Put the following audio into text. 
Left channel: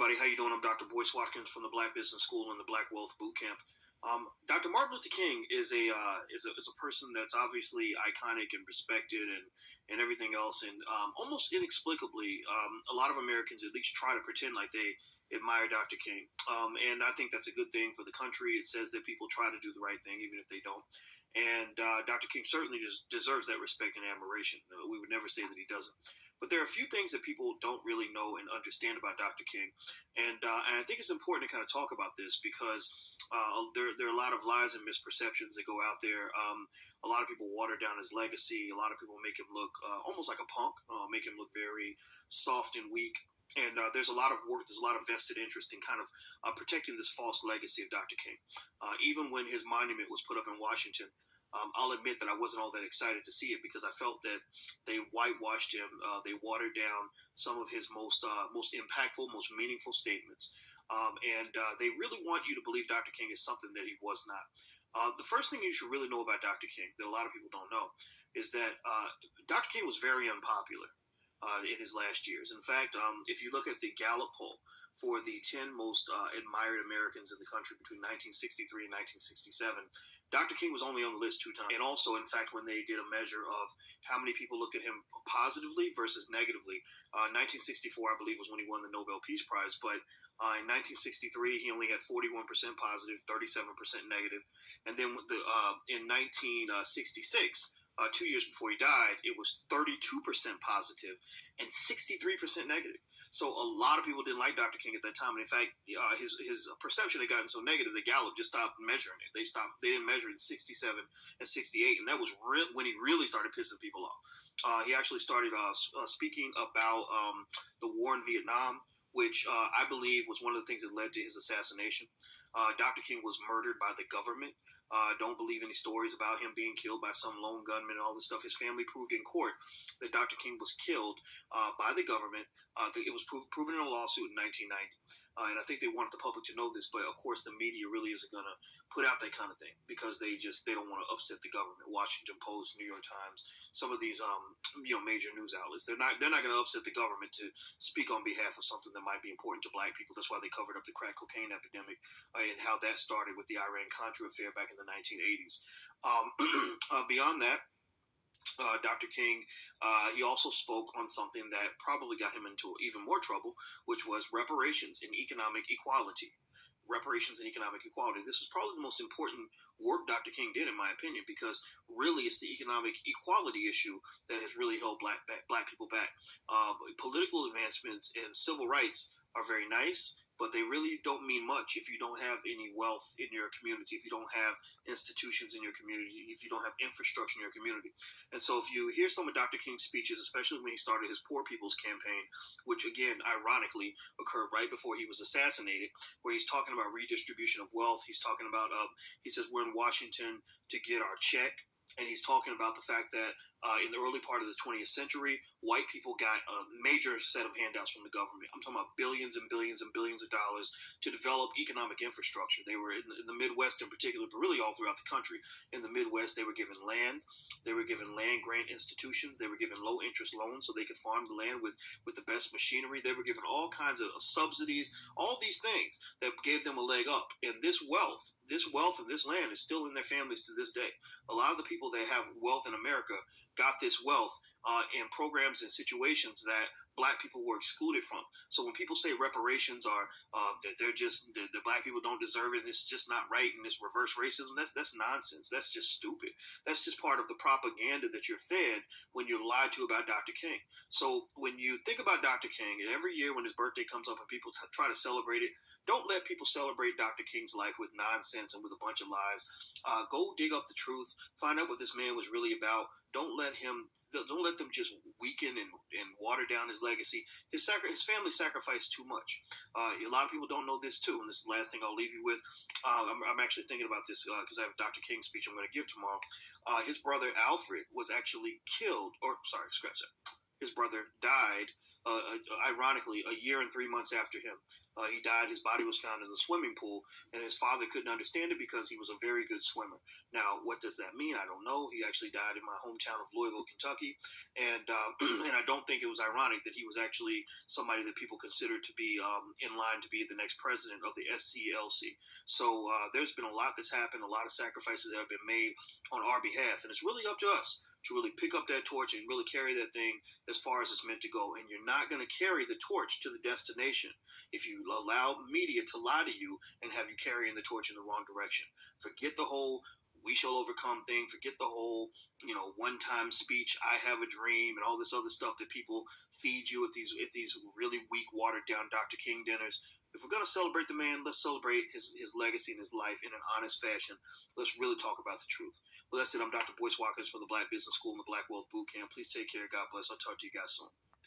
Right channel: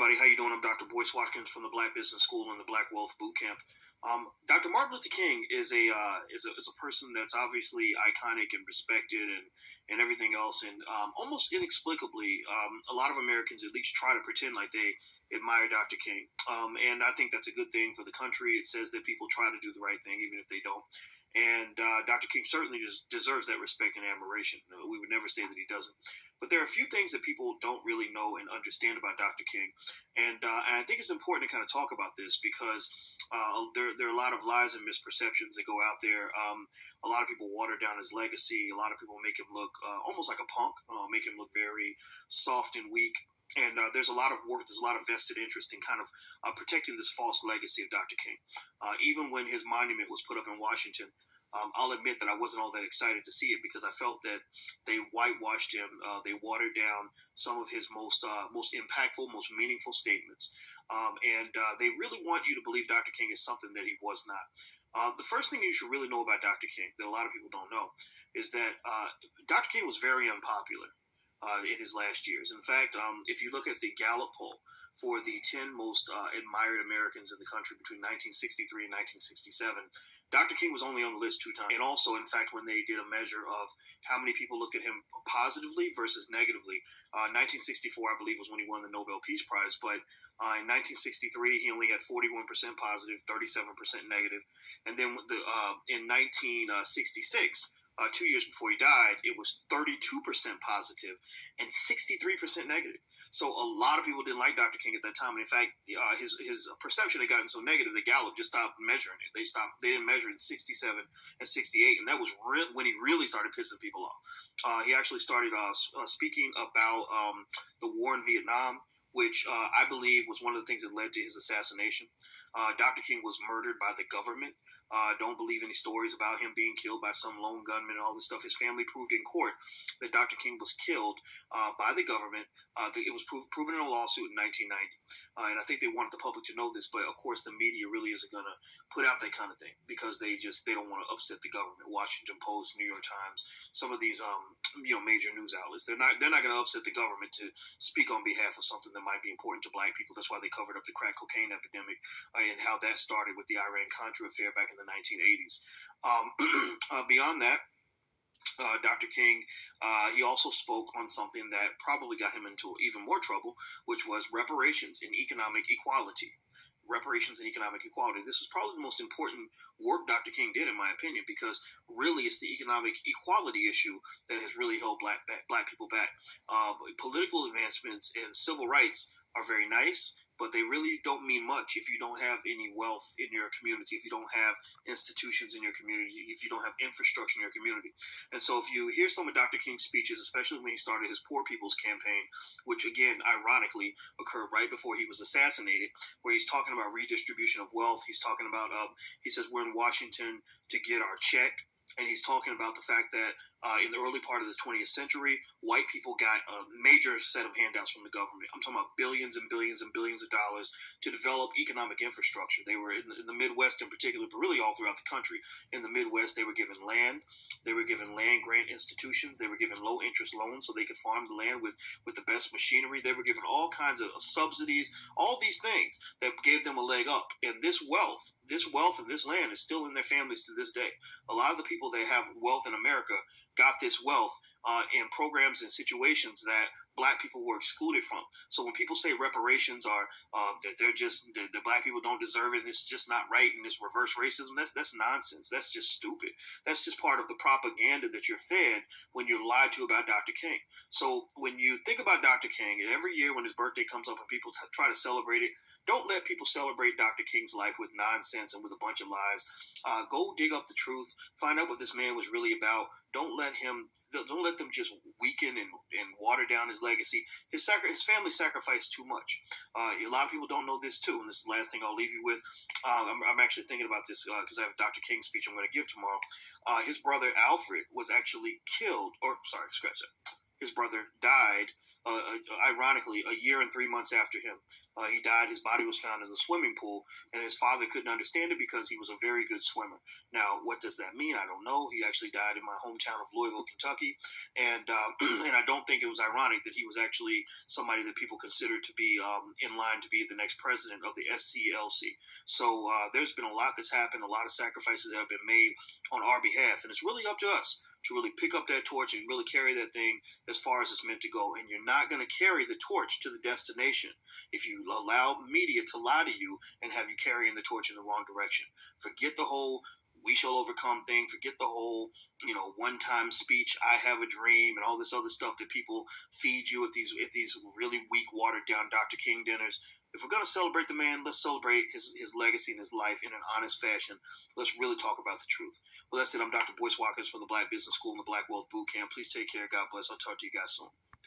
everybody. How you doing? I'm Dr. Boyce Watkins from the Black Business School and the Black Wealth Bootcamp. Dr. Martin Luther King is a person that's obviously iconic and respected and everything else. And almost inexplicably, a lot of Americans at least try to pretend like they admire Dr. King. And I think that's a good thing for the country. It says that people try to do the right thing, even if they don't. And Dr. King certainly deserves that respect and admiration. We would never say that he doesn't. But there are a few things that people don't really know and understand about Dr. King. And I think it's important to kind of talk about this because there are a lot of lies and misperceptions that go out there. A lot of people water down his legacy. A lot of people make him look almost like a punk, make him look very soft and weak. And there's a lot of work, there's a lot of vested interest in kind of protecting this false legacy of Dr. King. Even when his monument was put up in Washington, I'll admit that I wasn't all that excited to see it because I felt that they whitewashed him. They watered down some of his most impactful, most meaningful statements. And they really want you to believe Dr. King is something that he was not. The first thing you should really know about Dr. King that a lot of people don't know is that Dr. King was very unpopular in his last years. In fact, if you look at the Gallup poll for the 10 most admired Americans in the country between 1963 and 1967, Dr. King was only on the list 2 times. And also, in fact, when they did a measure of how many people looked at him positively versus negatively, 1964, I believe, was when he won the Nobel Peace Prize. But in 1963, he only had 41% positive, 37% negative. And then in 1966, 2 years before he died, it was 32% positive and 63% negative. So a lot of people didn't like Dr. King at that time. And in fact, his perception had gotten so negative that Gallup just stopped measuring it. They didn't measure it in 67 and 68. And that was when he really started pissing people off. He actually started speaking about the war in Vietnam, which I believe was one of the things that led to his assassination. Dr. King was murdered by the government. Don't believe any stories about him being killed by some lone gunman and all this stuff. His family proved in court that Dr. King was killed by the government. It was proven in a lawsuit in 1990. And I think they wanted the public to know this, but of course the media really isn't going to put out that kind of thing because they don't want to upset the government. Washington Post, New York Times, some of these major news outlets, they're not going to upset the government to speak on behalf of something that might be important to black people. That's why they covered up the crack cocaine epidemic and how that started with the Iran-Contra affair back in the 1980s. Beyond that, Dr. King, he also spoke on something that probably got him into even more trouble, which was reparations and economic equality. Reparations and economic equality. This is probably the most important work Dr. King did, in my opinion, because really it's the economic equality issue that has really held black people back. Political advancements and civil rights are very nice, but they really don't mean much if you don't have any wealth in your community, if you don't have institutions in your community, if you don't have infrastructure in your community. And so if you hear some of Dr. King's speeches, especially when he started his Poor People's Campaign, which again, ironically, occurred right before he was assassinated, where he's talking about redistribution of wealth. He's talking about, he says, we're in Washington to get our check. And he's talking about the fact that in the early part of the 20th century, white people got a major set of handouts from the government. I'm talking about billions and billions and billions of dollars to develop economic infrastructure. They were in the Midwest in particular, but really all throughout the country. In the Midwest, they were given land. They were given land grant institutions. They were given low interest loans so they could farm the land with the best machinery. They were given all kinds of subsidies, all these things that gave them a leg up. And this wealth and this land is still in their families to this day. A lot of the people that have wealth in America got this wealth in programs and situations that black people were excluded from. So when people say reparations are that they're just the black people don't deserve it, and it's just not right, and this reverse racism, that's nonsense. That's just stupid. That's just part of the propaganda that you're fed when you're lied to about Dr. King. So when you think about Dr. King, and every year when his birthday comes up and people try to celebrate it, don't let people celebrate Dr. King's life with nonsense and with a bunch of lies. Go dig up the truth. Find out what this man was really about. Don't let them just weaken and water down his legacy. His family sacrificed too much. A lot of people don't know this too, and this is the last thing I'll leave you with. I'm actually thinking about this because I have a Dr. King speech I'm going to give tomorrow. His brother Alfred was actually killed, or sorry, scratch that. his brother, died. Ironically, a year and 3 months after him, he died. His body was found in the swimming pool, and his father couldn't understand it because he was a very good swimmer. Now, what does that mean? I don't know. He actually died in my hometown of Louisville, Kentucky, and and I don't think it was ironic that he was actually somebody that people considered to be in line to be the next president of the SCLC. So there's been a lot that's happened, a lot of sacrifices that have been made on our behalf, and it's really up to us to really pick up that torch and really carry that thing as far as it's meant to go. And you're not going to carry the torch to the destination if you allow media to lie to you and have you carrying the torch in the wrong direction. Forget the whole "we shall overcome" thing. Forget the whole, one-time speech, "I have a dream," and all this other stuff that people feed you at these really weak, watered-down Dr. King dinners. If we're going to celebrate the man, let's celebrate his legacy and his life in an honest fashion. Let's really talk about the truth. Well, that's it. I'm Dr. Boyce Watkins from the Black Business School and the Black Wealth Boot Camp. Please take care. God bless. I'll talk to you guys soon.